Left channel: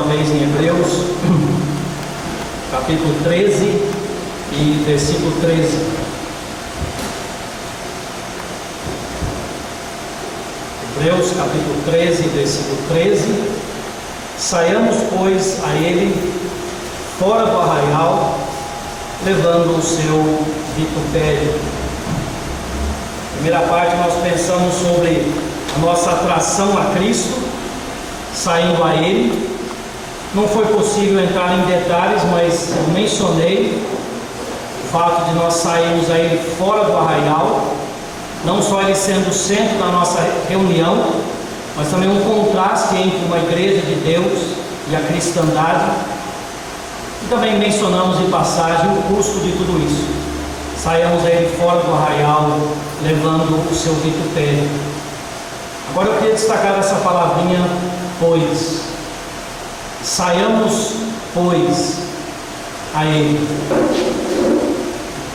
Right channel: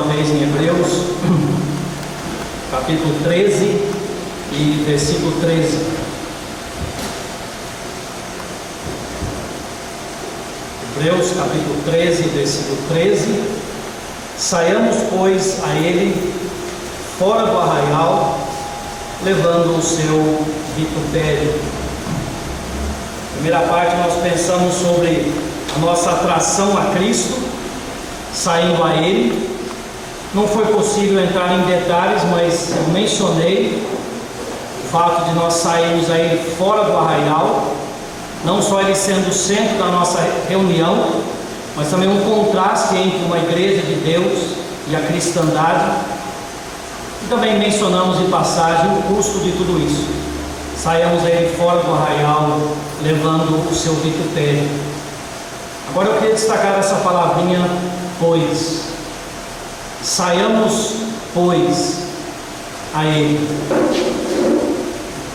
Uma vez em Hebreus, capítulo 13 e versículo 13. Hebreus, capítulo 13, versículo 13. Saiamos, pois, a ele fora do arraial, levando o seu vitupério. Primeira parte, nós pensamos sobre a nossa atração a Cristo, saindo a Ele. Não foi possível entrar em detalhes, mas eu mencionei o fato de nós sairmos a Ele fora do arraial, não só Ele sendo o centro da nossa reunião, mas também um contraste entre uma igreja de Deus e a cristandade. E também mencionamos em passagem o custo de tudo isso. Saiamos a Ele fora do arraial, levando o seu vitupério. Agora eu queria destacar essa palavrinha, pois. Saiamos, pois, a Ele.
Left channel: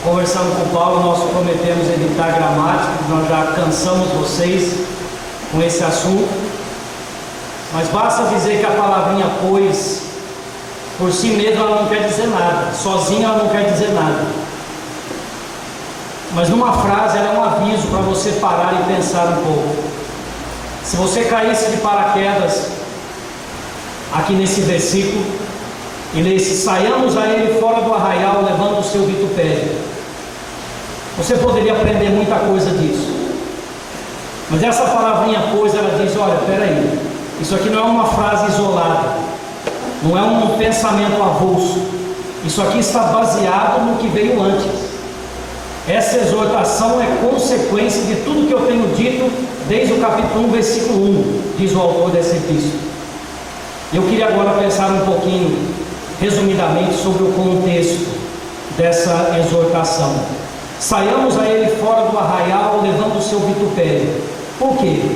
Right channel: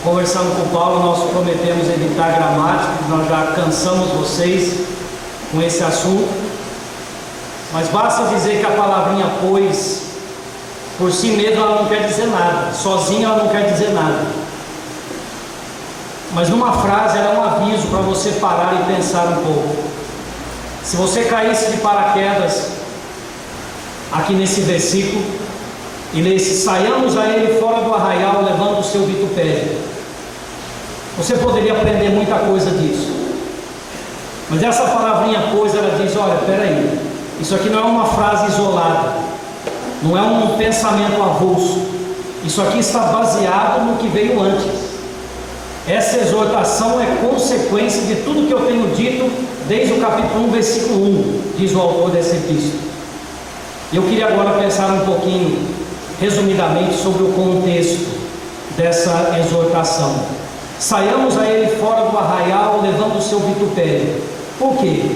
Conversando com Paulo, nós prometemos evitar gramática, nós já cansamos vocês com esse assunto, mas basta dizer que a palavrinha pois, por si mesma, ela não quer dizer nada, sozinha ela não quer dizer nada, mas numa frase ela é um aviso para você parar e pensar um pouco. Se você caísse de paraquedas aqui nesse versículo e lesse: saiamos a ele fora do arraial, levando o seu vitupério, você poderia aprender muita coisa disso. Mas essa palavrinha pois, ela diz: olha, peraí, isso aqui não é uma frase isolada, não é um pensamento avulso, isso aqui está baseado no que veio antes. Essa exortação é consequência de tudo que eu tenho dito desde o capítulo 1, versículo 1, diz o autor dessa epístola. Eu queria agora pensar um pouquinho, resumidamente, sobre o contexto dessa exortação. Saiamos a ele fora do arraial, levando o seu vitupério. Por quê?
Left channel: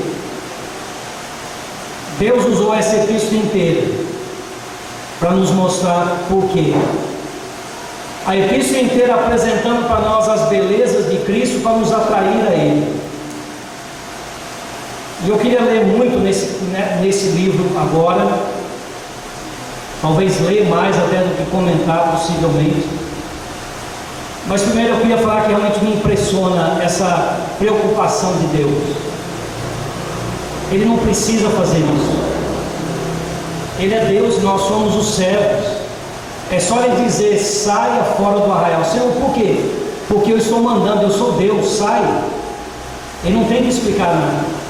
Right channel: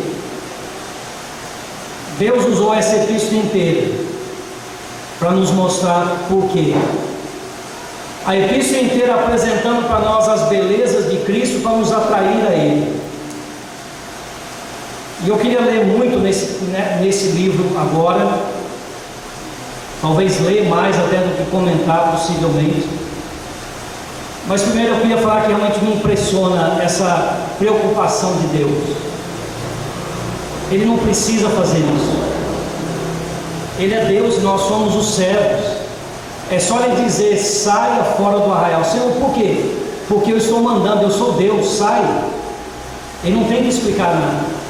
Deus usou essa epístola inteira para nos mostrar por quê. A epístola inteira apresentando para nós as belezas de Cristo para nos atrair a Ele. E eu queria ler muito nesse livro agora, talvez ler mais até do que comentar possivelmente. Mas primeiro eu queria falar que realmente me impressiona essa preocupação de Deus. Ele não precisa fazer isso. Ele é Deus e nós somos os servos. É só Ele dizer: saia fora do arraial. Senhor, por quê? Porque eu estou mandando, eu sou Deus, saia. Ele não tem que explicar nada.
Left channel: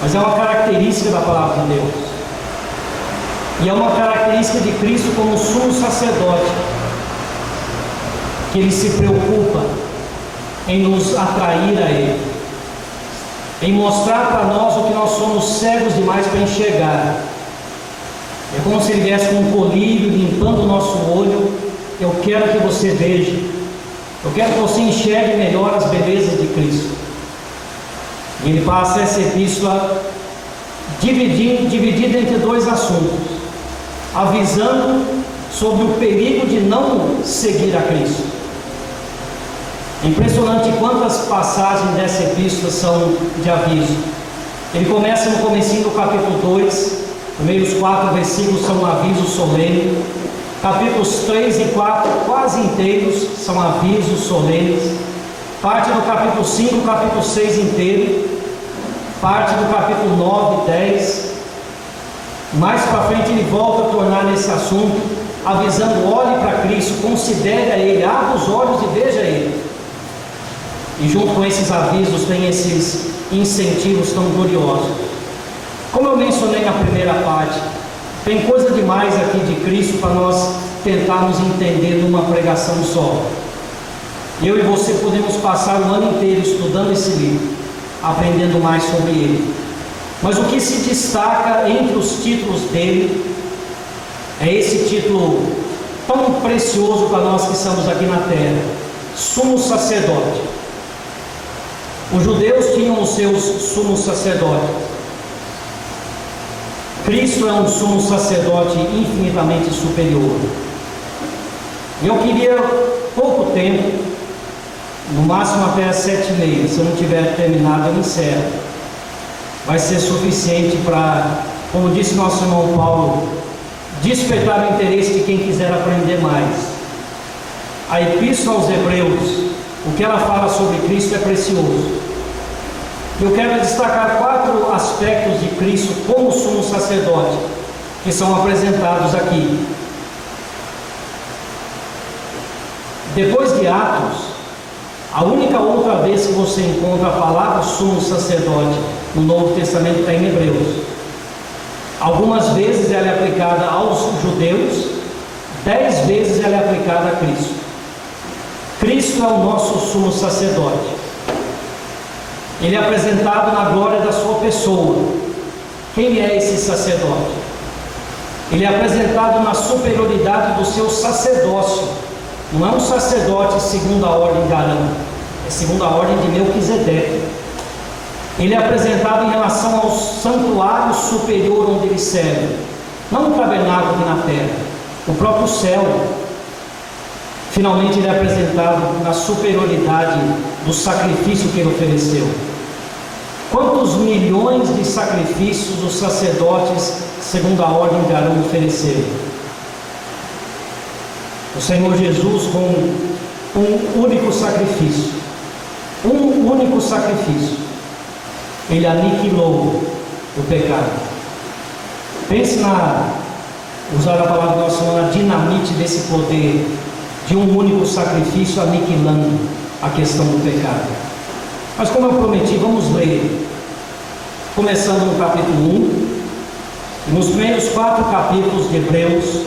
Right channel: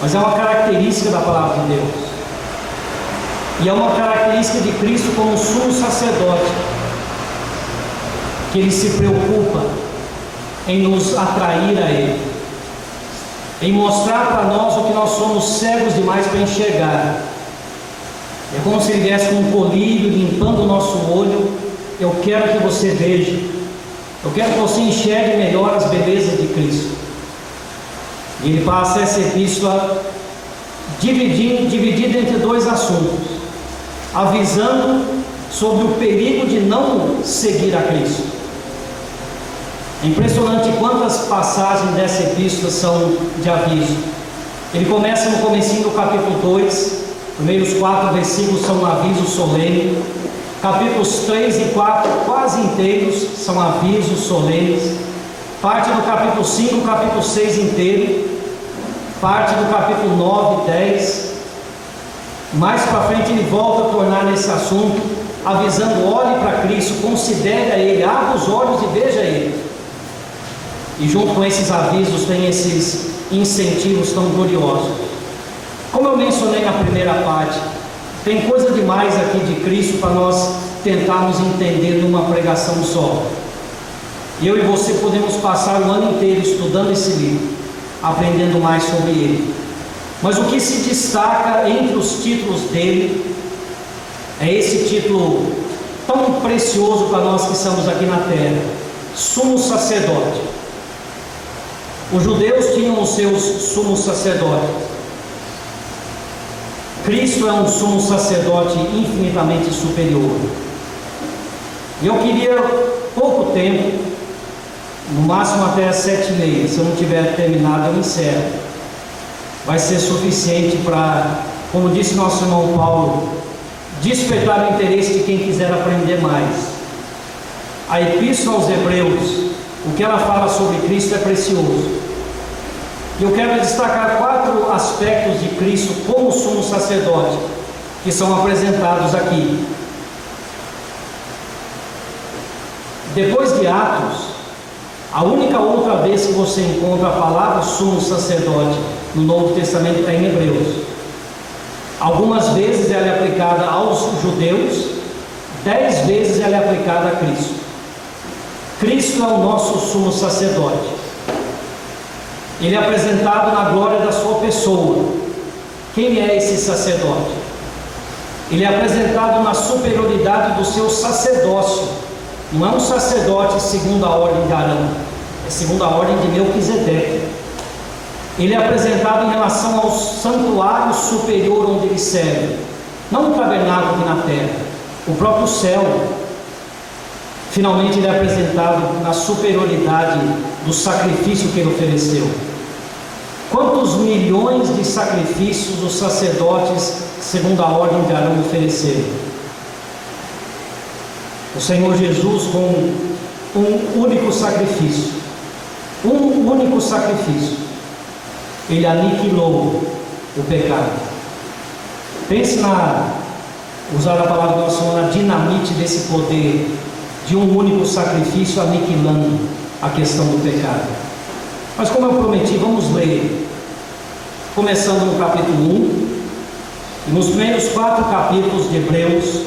Mas é uma característica da palavra de Deus. E é uma característica de Cristo como sumo sacerdote, que Ele se preocupa em nos atrair a Ele, em mostrar para nós o que nós somos cegos demais para enxergar. É como se Ele viesse com um colírio limpando o nosso olho. Eu quero que você veja, eu quero que você enxergue melhor as belezas de Cristo. E Ele passa essa epístola dividida entre dois assuntos, avisando sobre o perigo de não seguir a Cristo. É impressionante quantas passagens dessa epístola são de aviso. Ele começa no comecinho do capítulo 2, primeiros 4 versículos são um aviso solene. Capítulos 3 e 4 quase inteiros são avisos solenes. Parte do capítulo 5, capítulo 6 inteiro. Parte do capítulo 9, 10. Mais para frente ele volta a tornar nesse assunto, avisando: olhe para Cristo, considere a Ele, abra os olhos e veja Ele. E junto com esses avisos tem esses incentivos tão gloriosos. Como eu mencionei na primeira parte, tem coisa demais aqui de Cristo para nós tentarmos entender numa pregação só. Eu e você podemos passar o ano inteiro estudando esse livro, aprendendo mais sobre ele. Mas o que se destaca entre os títulos dele é esse título tão precioso para nós que estamos aqui na terra: sumo sacerdote. Os judeus tinham os seus sumos sacerdotes. Cristo é um sumo sacerdote infinitamente superior. E eu queria pouco tempo, no máximo até as 7h30, se eu não tiver terminado eu encerro. Vai ser suficiente para como disse nosso irmão Paulo, despertar o interesse de quem quiser aprender mais. A Epístola aos Hebreus, o que ela fala sobre Cristo é precioso. Eu quero destacar 4 aspectos de Cristo como sumo sacerdote, que são apresentados aqui. Depois de Atos, a única outra vez que você encontra a palavra sumo sacerdote no Novo Testamento está em Hebreus. Algumas vezes ela é aplicada aos judeus, 10 vezes ela é aplicada a Cristo. Cristo é o nosso sumo sacerdote. Ele é apresentado na glória da sua pessoa. Quem é esse sacerdote? Ele é apresentado na superioridade do seu sacerdócio. Não é um sacerdote segundo a ordem de Arão, é segundo a ordem de Melquisedeque. Ele é apresentado em relação ao santuário superior onde ele serve, não o tabernáculo aqui na terra, o próprio céu. Finalmente ele é apresentado na superioridade do sacrifício que ele ofereceu. Quantos milhões de sacrifícios os sacerdotes, segundo a ordem de Arão, ofereceram? O Senhor Jesus, com um único sacrifício, ele aniquilou o pecado. Pense usar a palavra do nosso Senhor, na dinamite desse poder, de um único sacrifício aniquilando a questão do pecado. Mas como eu prometi, vamos ler, começando no capítulo 1, e nos primeiros 4 capítulos de Hebreus,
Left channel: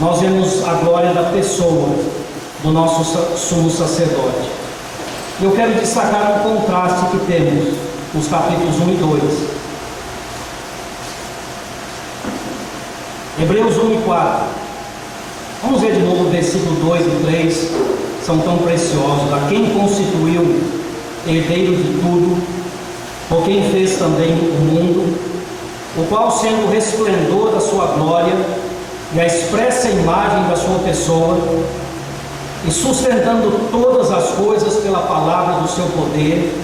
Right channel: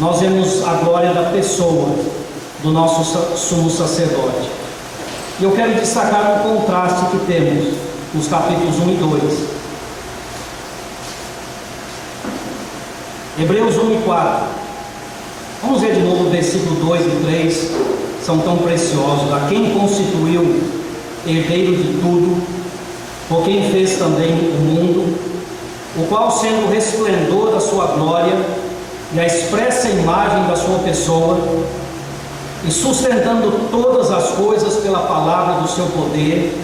nós vemos a glória da pessoa do nosso sumo sacerdote. E eu quero destacar um contraste que temos nos capítulos 1 e 2. Hebreus 1 e 4. Vamos ver de novo o versículo 2 e 3, são tão preciosos. A quem constituiu herdeiro de tudo, por quem fez também o mundo, o qual, sendo o resplendor da sua glória e a expressa imagem da sua pessoa, e sustentando todas as coisas pela palavra do seu poder,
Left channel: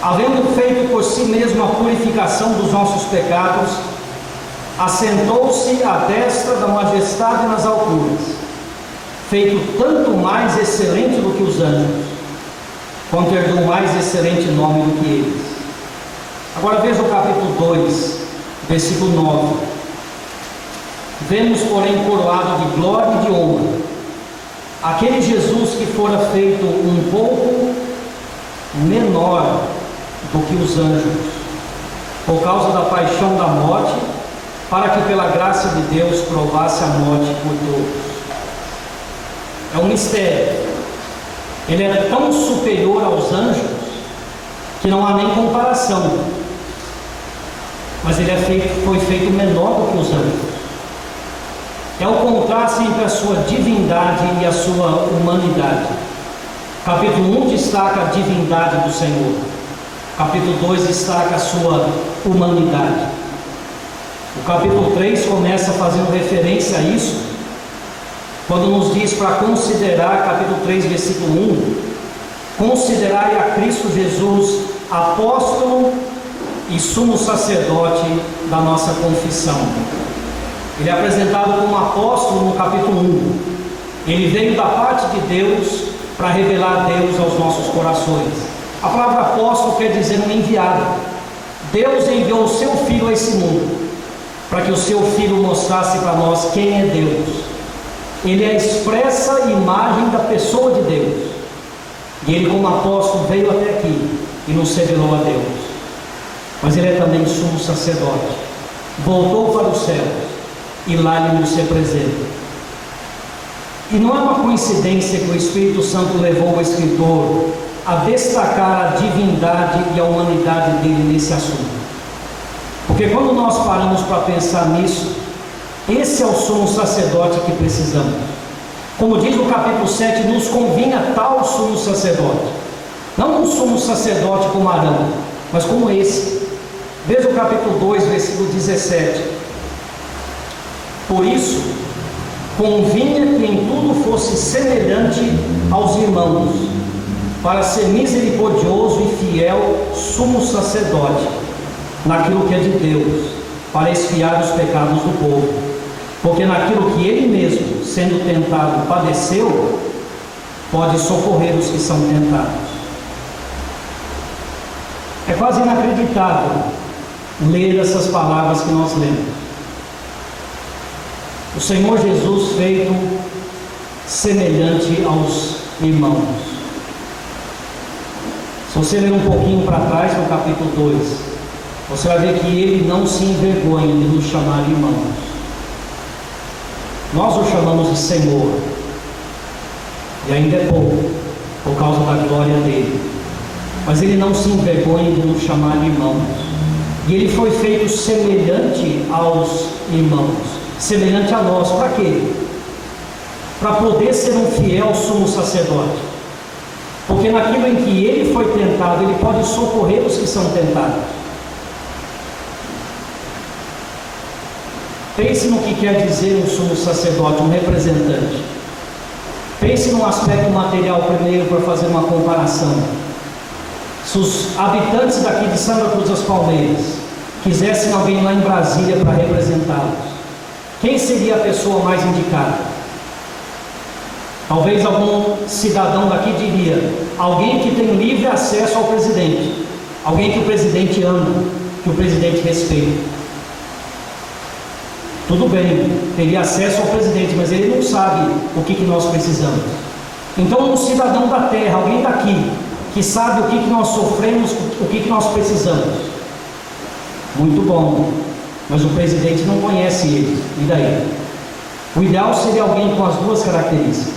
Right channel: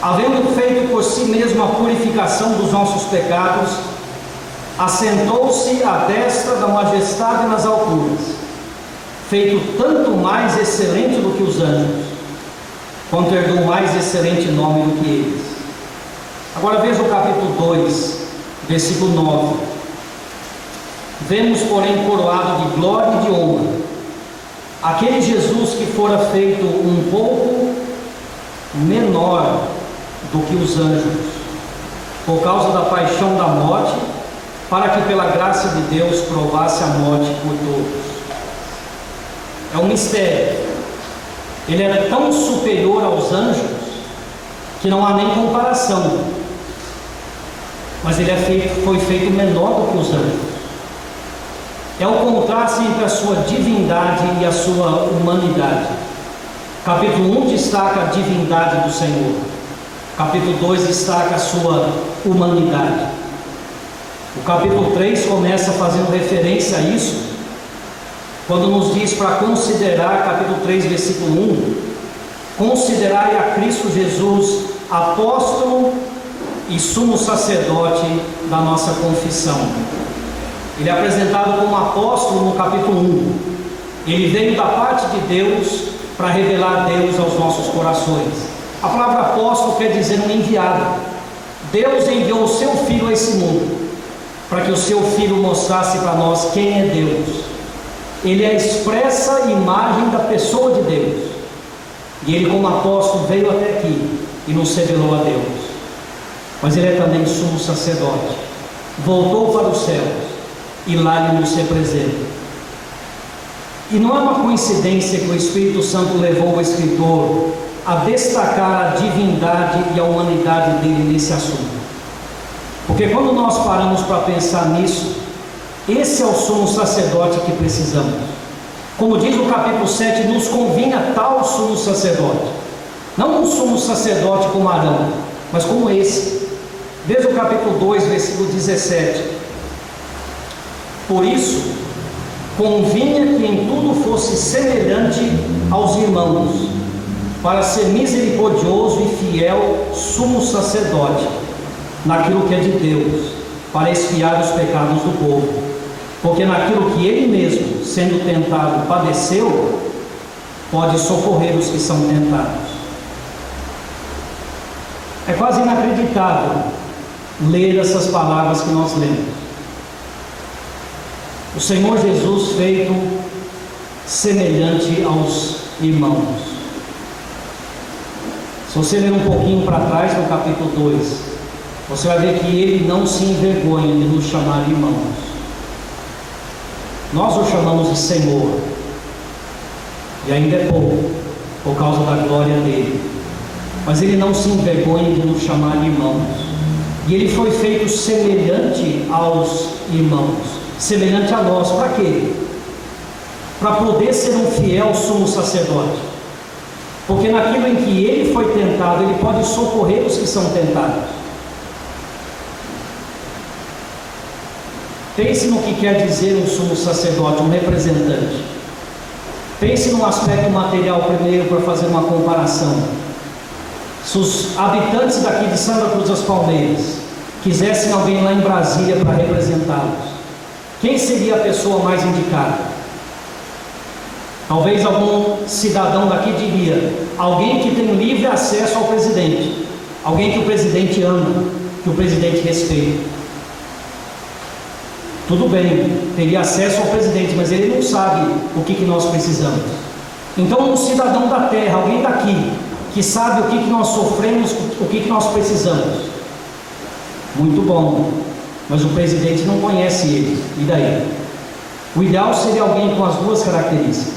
havendo feito por si mesmo a purificação dos nossos pecados, assentou-se à destra da majestade nas alturas, feito tanto mais excelente do que os anjos, quanto herdou mais excelente nome do que eles. Agora veja o capítulo 2, versículo 9. Vemos, porém, coroado de glória e de honra aquele Jesus que fora feito um pouco menor do que os anjos, por causa da paixão da morte, para que pela graça de Deus provasse a morte por todos. É um mistério. Ele era tão superior aos anjos que não há nem comparação, mas ele foi feito menor do que os anjos. É o contraste entre a sua divindade e a sua humanidade. Capítulo 1 destaca a divindade do Senhor. Capítulo 2 destaca a sua humanidade. O capítulo 3 começa fazendo referência a isso, quando nos diz para considerar, capítulo 3, versículo 1, considerai a Cristo Jesus, apóstolo e sumo sacerdote da nossa confissão. Ele é apresentado como apóstolo no capítulo 1. Ele veio da parte de Deus para revelar Deus aos nossos corações. A palavra apóstolo quer dizer um enviado. Deus enviou o seu Filho a esse mundo, para que o seu Filho mostrasse para nós quem é Deus. Ele é a expressa imagem da pessoa de Deus. E ele, como apóstolo, veio até aqui e nos revelou a Deus. Mas ele é também sumo sacerdote. Voltou para os céus e lá ele nos representa. E não é uma coincidência que o Espírito Santo levou o escritor a destacar a divindade e a humanidade dele nesse assunto. Porque quando nós paramos para pensar nisso, esse é o sumo sacerdote que precisamos. Como diz o capítulo 7, nos convinha tal sumo sacerdote. Não um sumo sacerdote como Arão, mas como esse. Veja o capítulo 2, versículo 17. Por isso, convinha que em tudo fosse semelhante aos irmãos, para ser misericordioso e fiel sumo sacerdote naquilo que é de Deus, para expiar os pecados do povo, porque naquilo que ele mesmo, sendo tentado, padeceu, pode socorrer os que são tentados. É quase inacreditável ler essas palavras que nós lemos. O Senhor Jesus feito semelhante aos irmãos. Se você ler um pouquinho para trás, no capítulo 2, você vai ver que ele não se envergonha de nos chamar irmãos. Nós o chamamos de Senhor, e ainda é pouco, por causa da glória dele. Mas ele não se envergonha de nos chamar irmãos. E ele foi feito semelhante aos irmãos, semelhante a nós. Para quê? Para poder ser um fiel sumo sacerdote. Porque naquilo em que ele foi tentado, ele pode socorrer os que são tentados. Pense no que quer dizer um sumo sacerdote, um representante. Pense no aspecto material primeiro, para fazer uma comparação. Se os habitantes daqui de Santa Cruz das Palmeiras quisessem alguém lá em Brasília para representá-los, quem seria a pessoa mais indicada? Talvez algum cidadão daqui diria: alguém que tem livre acesso ao presidente, alguém que o presidente ama, que o presidente respeita. Tudo bem, teria acesso ao presidente, mas ele não sabe o que nós precisamos. Então, um cidadão da terra, alguém daqui, que sabe o que nós sofremos, o que nós precisamos. Muito bom, mas o presidente não conhece ele, e daí? O ideal seria alguém com as duas características.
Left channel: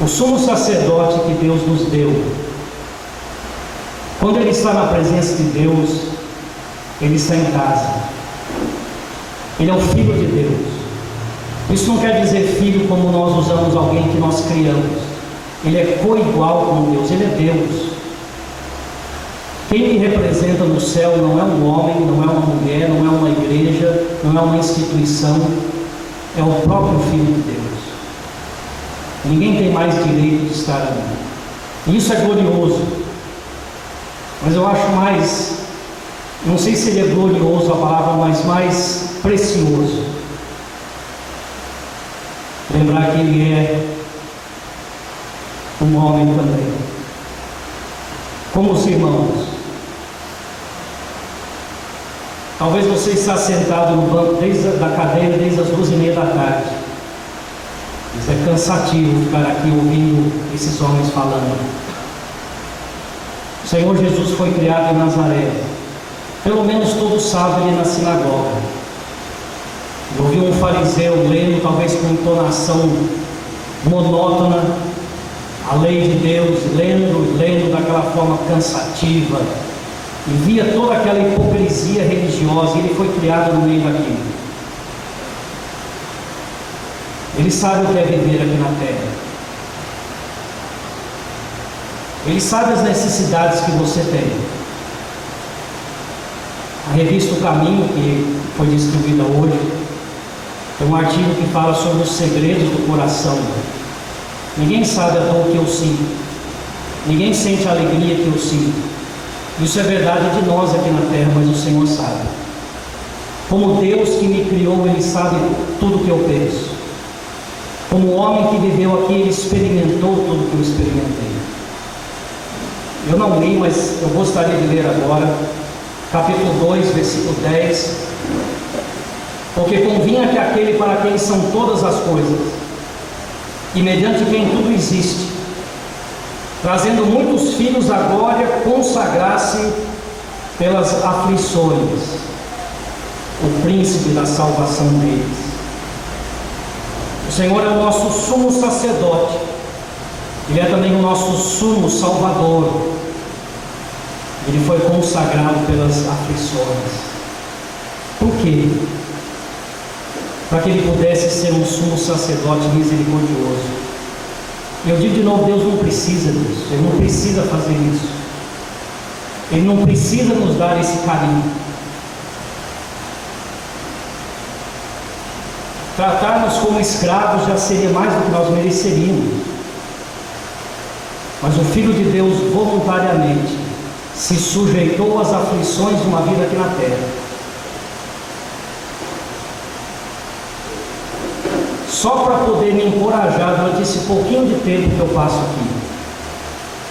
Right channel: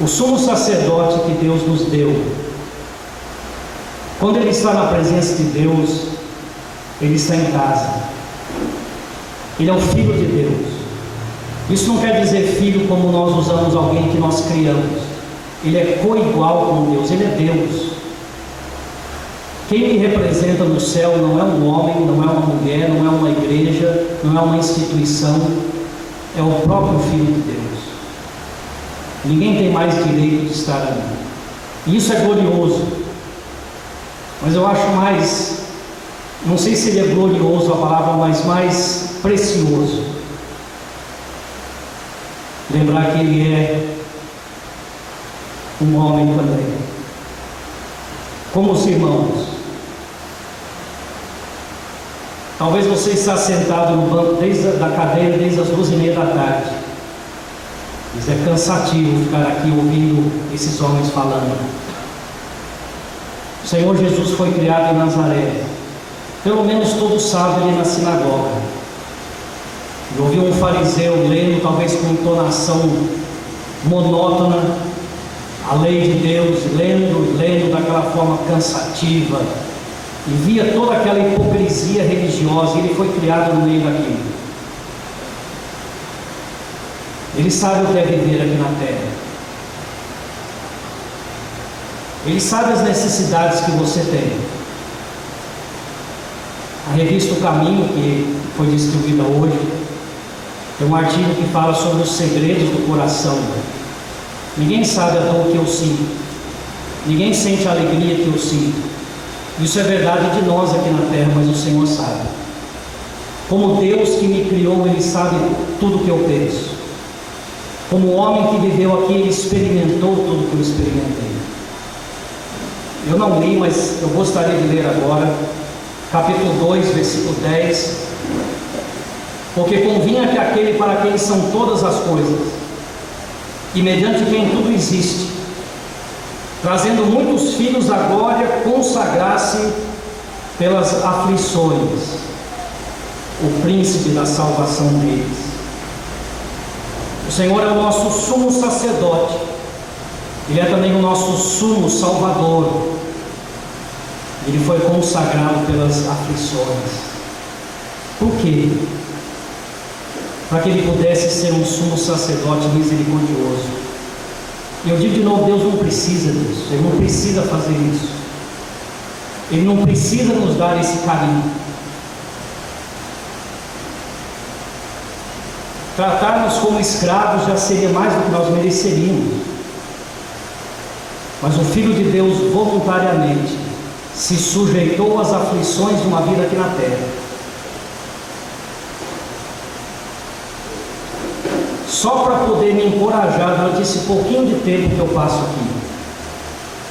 O sumo sacerdote que Deus nos deu, quando ele está na presença de Deus, ele está em casa. Ele é o Filho de Deus. Isso não quer dizer filho como nós usamos alguém que nós criamos. Ele é coigual com Deus, ele é Deus. Quem me representa no céu não é um homem, não é uma mulher, não é uma igreja, não é uma instituição, é o próprio Filho de Deus. Ninguém tem mais direito de estar ali. E isso é glorioso. Mas eu acho mais, não sei se seria glorioso a palavra, mas mais precioso lembrar que ele é um homem também, como os irmãos. Talvez você está sentado no banco da cadeira desde as 2:30 da tarde. Isso é cansativo ficar aqui ouvindo esses homens falando. O Senhor Jesus foi criado em Nazaré. Pelo menos todos sabem, ele na sinagoga. Eu ouvi um fariseu lendo, talvez com entonação monótona, a lei de Deus, lendo daquela forma cansativa, e via toda aquela hipocrisia religiosa, e ele foi criado no meio daquilo. Ele sabe o que é viver aqui na terra. Ele sabe as necessidades que você tem. A revista O Caminho, que foi distribuída hoje, tem um artigo que fala sobre os segredos do coração. Ninguém sabe a dor que eu sinto. Ninguém sente a alegria que eu sinto. Isso é verdade de nós aqui na terra, mas o Senhor sabe. Como Deus que me criou, Ele sabe tudo o que eu penso. Como o homem que viveu aqui, ele experimentou tudo que eu experimentei. Eu não li, mas eu gostaria de ler agora, capítulo 2, versículo 10. Porque convinha que aquele para quem são todas as coisas, e mediante quem tudo existe, trazendo muitos filhos à glória, consagrasse pelas aflições o príncipe da salvação deles. O Senhor é o nosso sumo sacerdote, Ele é também o nosso sumo salvador. Ele foi consagrado pelas aflições. Por quê? Para que Ele pudesse ser um sumo sacerdote misericordioso. E eu digo de novo, Deus não precisa disso. Ele não precisa fazer isso. Ele não precisa nos dar esse carinho. Tratar-nos como escravos já seria mais do que nós mereceríamos. Mas o Filho de Deus voluntariamente se sujeitou às aflições de uma vida aqui na terra. Só para poder me encorajar durante esse pouquinho de tempo que eu passo aqui.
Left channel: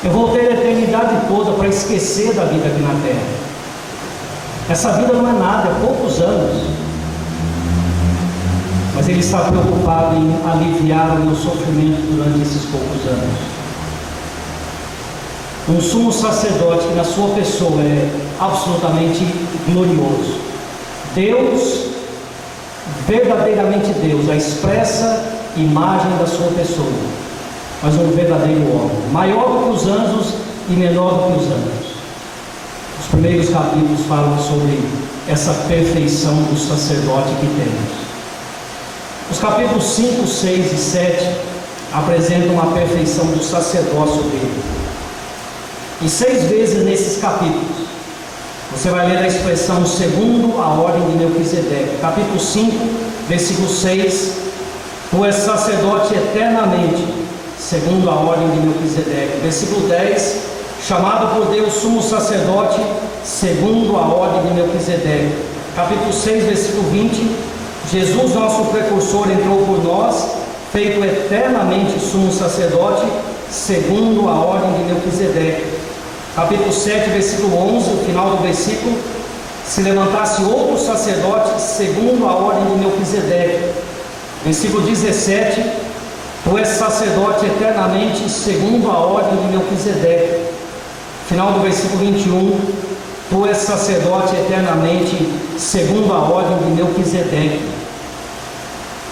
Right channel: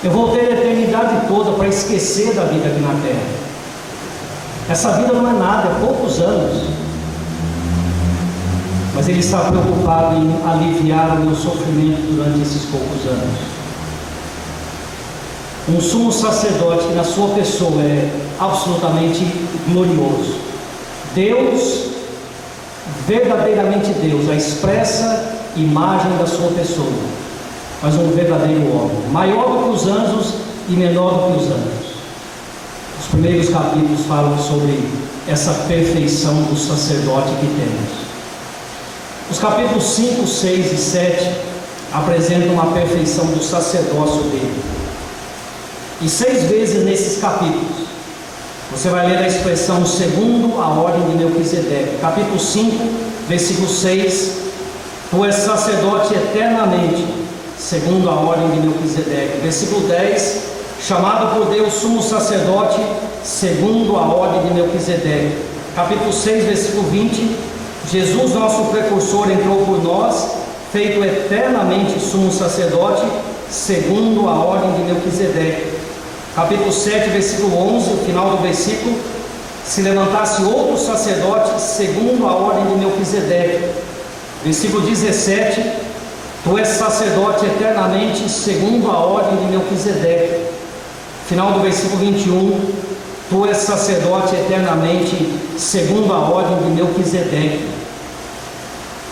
Eu vou ter a eternidade toda para esquecer da vida aqui na terra. Essa vida não é nada, é poucos anos. Mas Ele está preocupado em aliviar o meu sofrimento durante esses poucos anos. Um sumo sacerdote que na sua pessoa é absolutamente glorioso. Deus, verdadeiramente Deus, a expressa imagem da sua pessoa, mas um verdadeiro homem, maior do que os anjos e menor do que os anjos. Os primeiros capítulos falam sobre essa perfeição do sacerdote que temos. Os capítulos 5, 6 e 7 apresentam a perfeição do sacerdócio dele. E 6 vezes nesses capítulos você vai ler a expressão segundo a ordem de Melquisedeque. Capítulo 5, versículo 6: Tu és sacerdote eternamente, segundo a ordem de Melquisedeque. Versículo 10: Chamado por Deus sumo sacerdote, segundo a ordem de Melquisedeque. Capítulo 6, versículo 20: Jesus, nosso precursor, entrou por nós, feito eternamente sumo sacerdote, segundo a ordem de Melquisedeque. Capítulo 7, versículo 11, o final do versículo: Se levantasse outro sacerdote, segundo a ordem de Melquisedeque. Versículo 17: Tu és sacerdote eternamente, segundo a ordem de Melquisedeque. Final do versículo 21: Tu és sacerdote eternamente, segundo a ordem de Melquisedeque.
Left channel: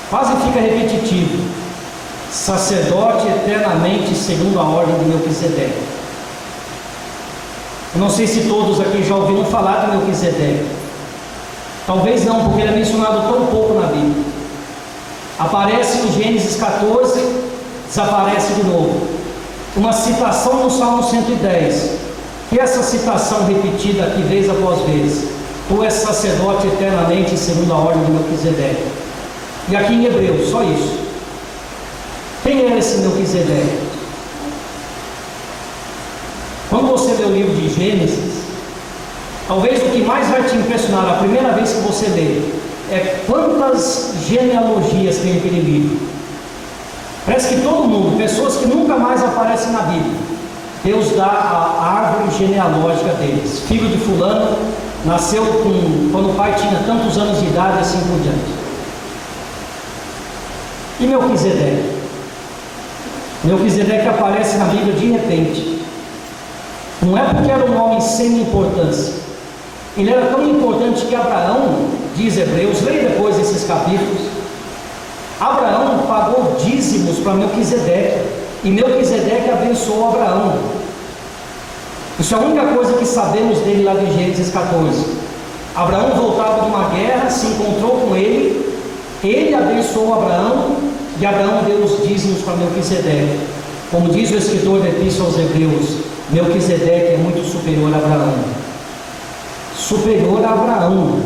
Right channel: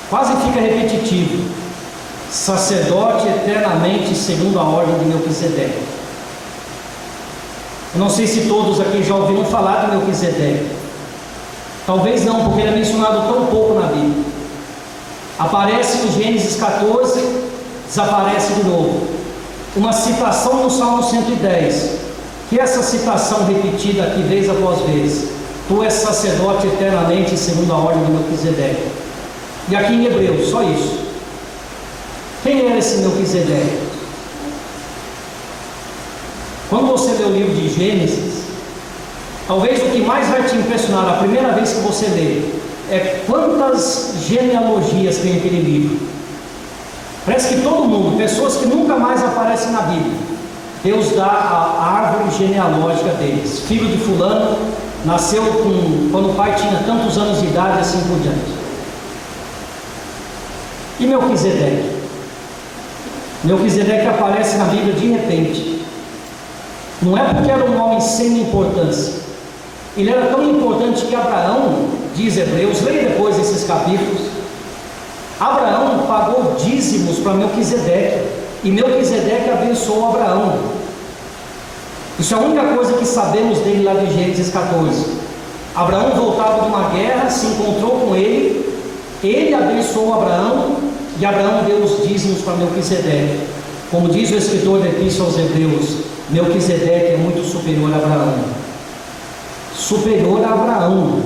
Quase fica repetitivo: sacerdote eternamente, segundo a ordem de Melquisedeque. Eu não sei se todos aqui já ouviram falar de Melquisedeque. Talvez não, porque ele é mencionado tão pouco na Bíblia. Aparece em Gênesis 14, desaparece de novo. Uma citação no Salmo 110, que essa citação repetida aqui vez após vez: Tu és sacerdote eternamente, segundo a ordem de Melquisedeque. E aqui em Hebreus, só isso. Quem era esse Melquisedeque? Quando você lê o livro de Gênesis, talvez o que mais vai te impressionar a primeira vez que você lê é quantas genealogias tem aquele livro. Parece que todo mundo, pessoas que nunca mais aparecem na Bíblia, Deus dá a árvore genealógica deles. Filho de fulano, nasceu quando o pai tinha tantos anos de idade, assim por diante. E Melquisedeque? Melquisedeque aparece na Bíblia de repente. Não é porque era um homem sem importância. Ele era tão importante que Abraão, diz Hebreus, leia depois esses capítulos, Abraão pagou dízimos para Melquisedeque, e Melquisedeque abençoou Abraão. Isso é a única coisa que sabemos dele lá de Gênesis 14. Abraão voltava de uma guerra, se encontrou com ele abençoou Abraão, e Abraão deu os dízimos para Melquisedeque. Como diz o escritor da Epístola aos Hebreus, Melquisedeque é muito superior a Abraão. Superior a Abraão.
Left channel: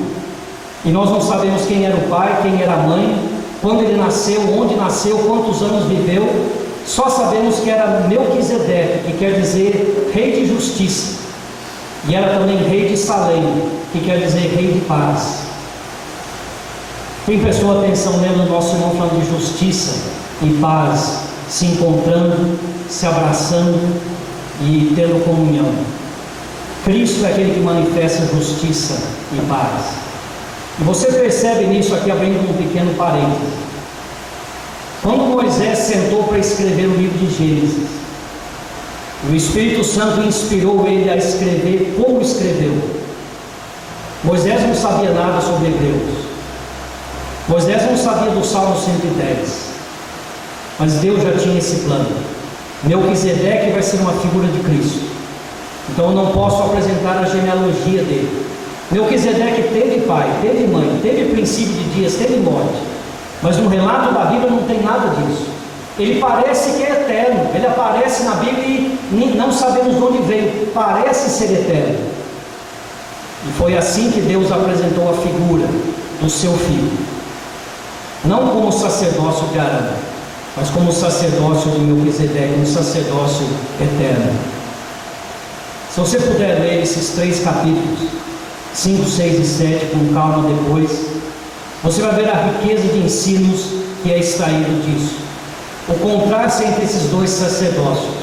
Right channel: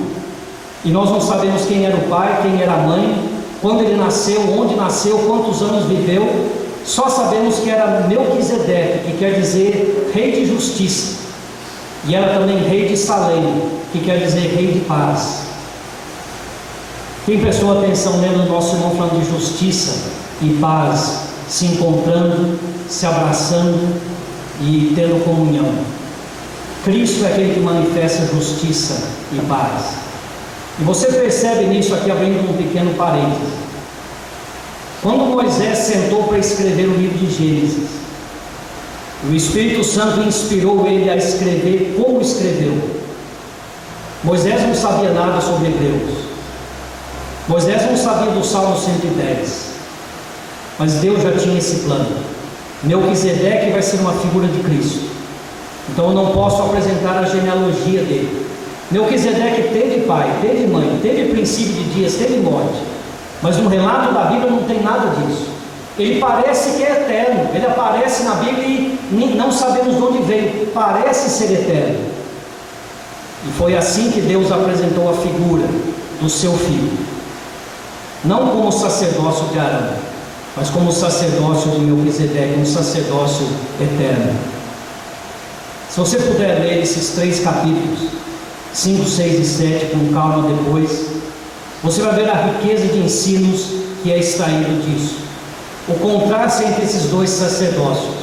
E nós não sabemos quem era o pai, quem era a mãe, quando ele nasceu, onde nasceu, quantos anos viveu. Só sabemos que era Melquisedeque, que quer dizer rei de justiça. E era também rei de Salém, que quer dizer rei de paz. Quem prestou atenção lendo o nosso irmão falando de justiça e paz, se encontrando, se abraçando e tendo comunhão? Cristo é aquele que manifesta justiça e paz. E você percebe nisso aqui, abrindo um pequeno parênteses. Quando Moisés sentou para escrever o livro de Gênesis, o Espírito Santo inspirou ele a escrever como escreveu. Moisés não sabia nada sobre Hebreus. Moisés não sabia do Salmo 110. Mas Deus já tinha esse plano. Melquisedeque vai ser uma figura de Cristo. Então eu não posso apresentar a genealogia dele. Melquisedeque teve pai, teve mãe, teve princípio de dias, teve morte. Mas no relato da Bíblia não tem nada disso. Ele parece que é eterno. Ele aparece na Bíblia e não sabemos de onde veio. Parece ser eterno. E foi assim que Deus apresentou a figura do seu filho. Não como sacerdócio de Arão, mas como o sacerdócio de Melquisedeque, um sacerdócio eterno. Se você puder ler esses 3 capítulos, 5, 6 e 7, com calma depois, você vai ver a riqueza de ensinos que é extraído disso. O contraste entre esses 2 sacerdócios.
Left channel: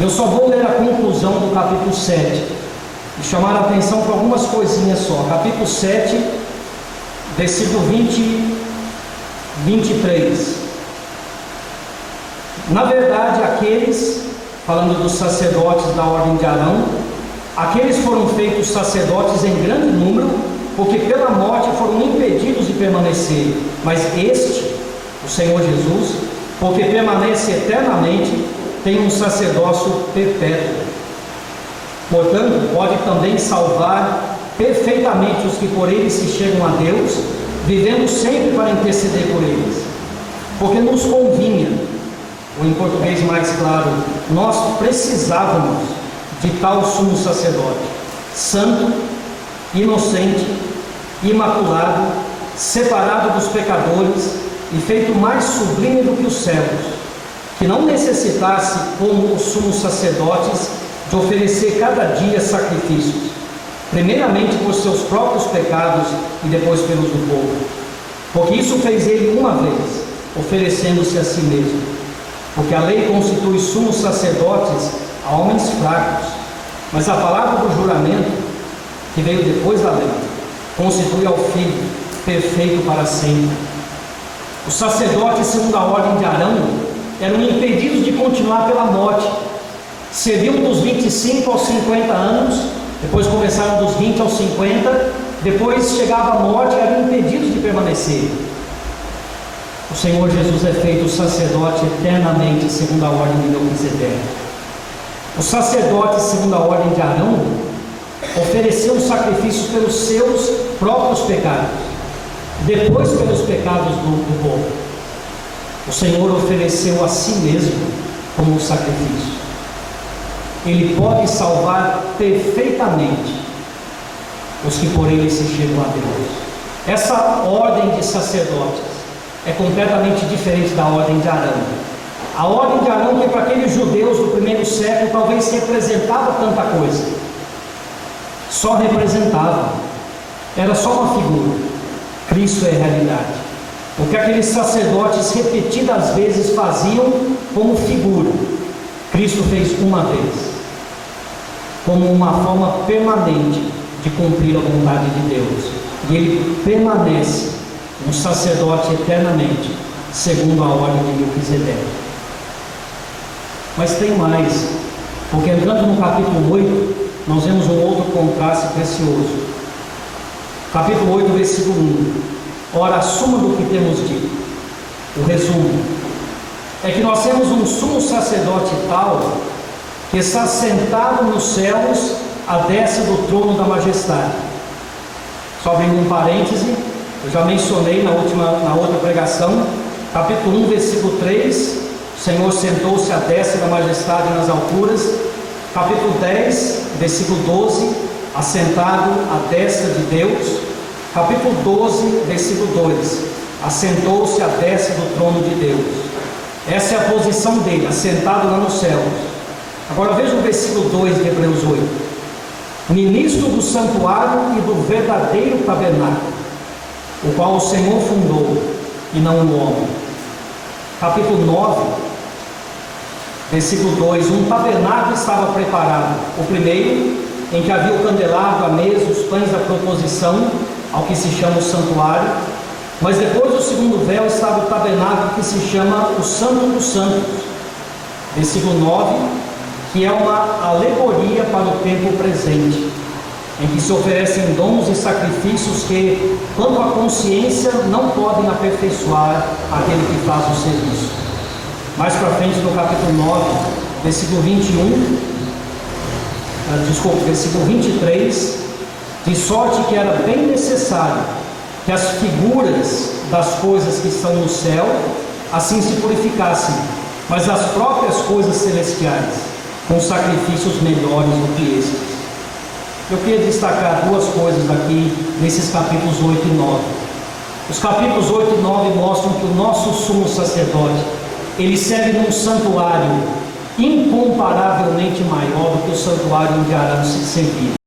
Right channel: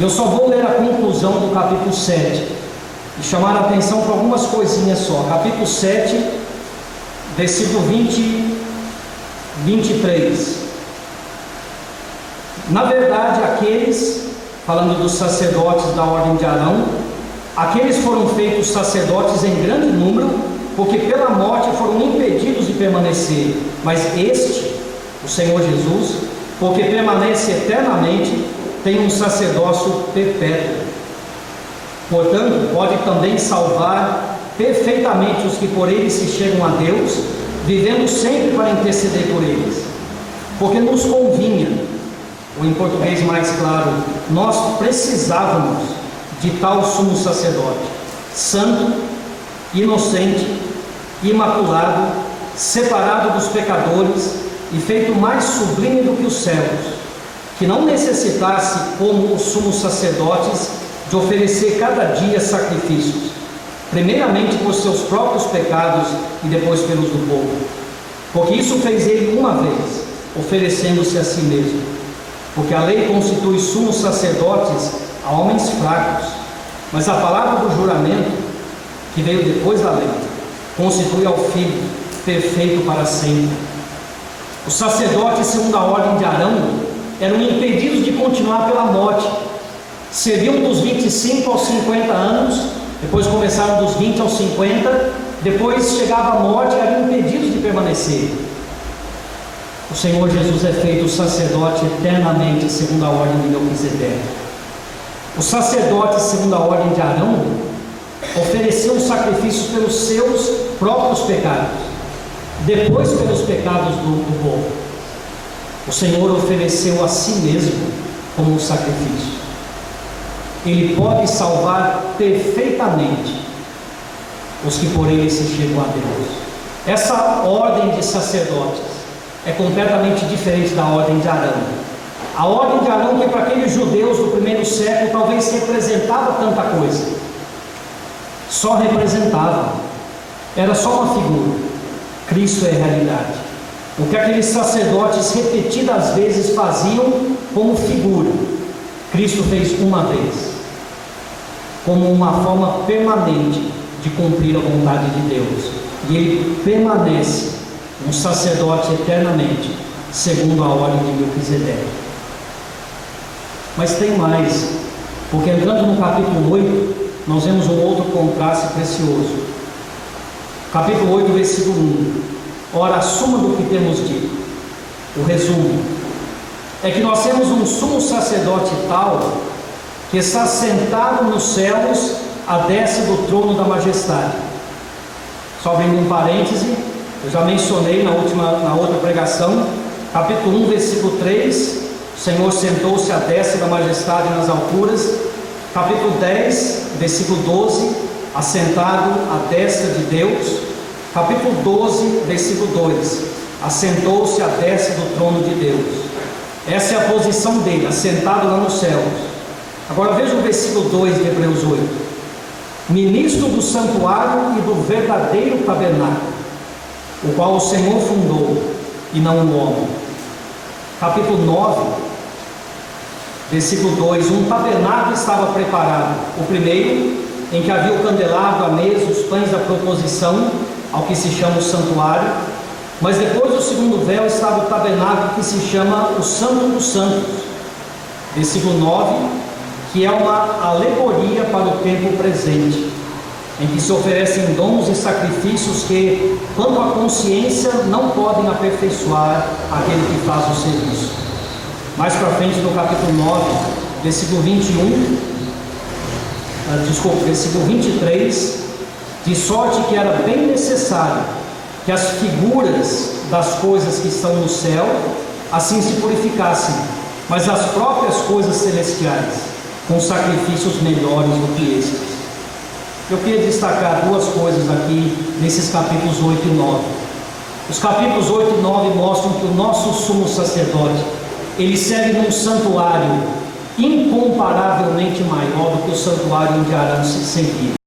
Eu só vou ler a conclusão do capítulo 7 e chamar a atenção para algumas coisinhas só. Capítulo 7, versículo 23. Na verdade, aqueles, falando dos sacerdotes da ordem de Arão, aqueles foram feitos sacerdotes em grande número, porque pela morte foram impedidos de permanecer. Mas este, o Senhor Jesus, porque permanece eternamente, tem um sacerdócio perpétuo. Portanto, pode também salvar perfeitamente os que por ele se chegam a Deus, vivendo sempre para interceder por eles. Porque nos convinha, ou em português mais claro, nós precisávamos de tal sumo sacerdote, santo, inocente, imaculado, separado dos pecadores e feito mais sublime do que os céus, que não necessitasse, como os sumos sacerdotes, de oferecer cada dia sacrifícios, primeiramente por seus próprios pecados e depois pelos do povo, porque isso fez ele uma vez, oferecendo-se a si mesmo. Porque a lei constitui sumos sacerdotes a homens fracos, mas a palavra do juramento, que veio depois da lei, constitui ao Filho, perfeito para sempre. Os sacerdotes, segundo a ordem de Arão, eram impedidos de continuar pela morte. Serviam dos 25 aos 50 anos, depois começaram dos 20 aos 50, depois chegava a morte e eram impedidos de permanecer. O Senhor Jesus é feito sacerdote eternamente, segundo a ordem de Melquisedeque. Os sacerdotes, segundo a ordem de Arão, ofereciam sacrifícios pelos seus próprios pecados, depois pelos pecados do povo. O Senhor ofereceu a si mesmo como um sacrifício. Ele pode salvar perfeitamente os que por ele se chegam a Deus. Essa ordem de sacerdotes é completamente diferente da ordem de Arão. A ordem de Arão, que para aqueles judeus do primeiro século talvez representava tanta coisa, só representava, era só uma figura. Cristo é a realidade. O que aqueles sacerdotes repetidas vezes faziam como figura, Cristo fez uma vez, como uma forma permanente de cumprir a vontade de Deus. E ele permanece um sacerdote eternamente, segundo a ordem de Melquisedeque. Mas tem mais, porque entrando no capítulo 8, nós vemos um outro contraste precioso. Capítulo 8, versículo 1. Ora, a suma do que temos dito, o resumo, é que nós temos um sumo sacerdote tal, que está sentado nos céus, à destra do trono da majestade. Só abrindo um parêntese, eu já mencionei na outra pregação, capítulo 1, versículo 3, o Senhor sentou-se à destra da majestade nas alturas. Capítulo 10, versículo 12, assentado à destra de Deus. Capítulo 12, versículo 2, assentou-se à destra do trono de Deus. Essa é a posição dele, assentado lá nos céus. Agora veja o versículo 2 de Hebreus 8. Ministro do santuário e do verdadeiro tabernáculo, o qual o Senhor fundou, e não o homem. Capítulo 9, versículo 2. Um tabernáculo estava preparado, o primeiro, em que havia o candelabro, a mesa, os pães da proposição, ao que se chama o santuário. Mas depois do segundo véu estava o tabernáculo, que se chama o Santo dos Santos, versículo 9, que é uma alegoria para o tempo presente, em que se oferecem dons e sacrifícios que, quanto à consciência, não podem aperfeiçoar aquele que faz o serviço. Mais para frente, no capítulo 9, versículo 23, de sorte que era bem necessário que as figuras das coisas que estão no céu assim se purificassem, mas as próprias coisas celestiais com sacrifícios melhores do que estes. Eu queria destacar duas coisas aqui nesses capítulos 8 e 9. Os capítulos 8 e 9 mostram que o nosso sumo sacerdote ele serve num santuário incomparavelmente maior do que o santuário onde Arão se servia.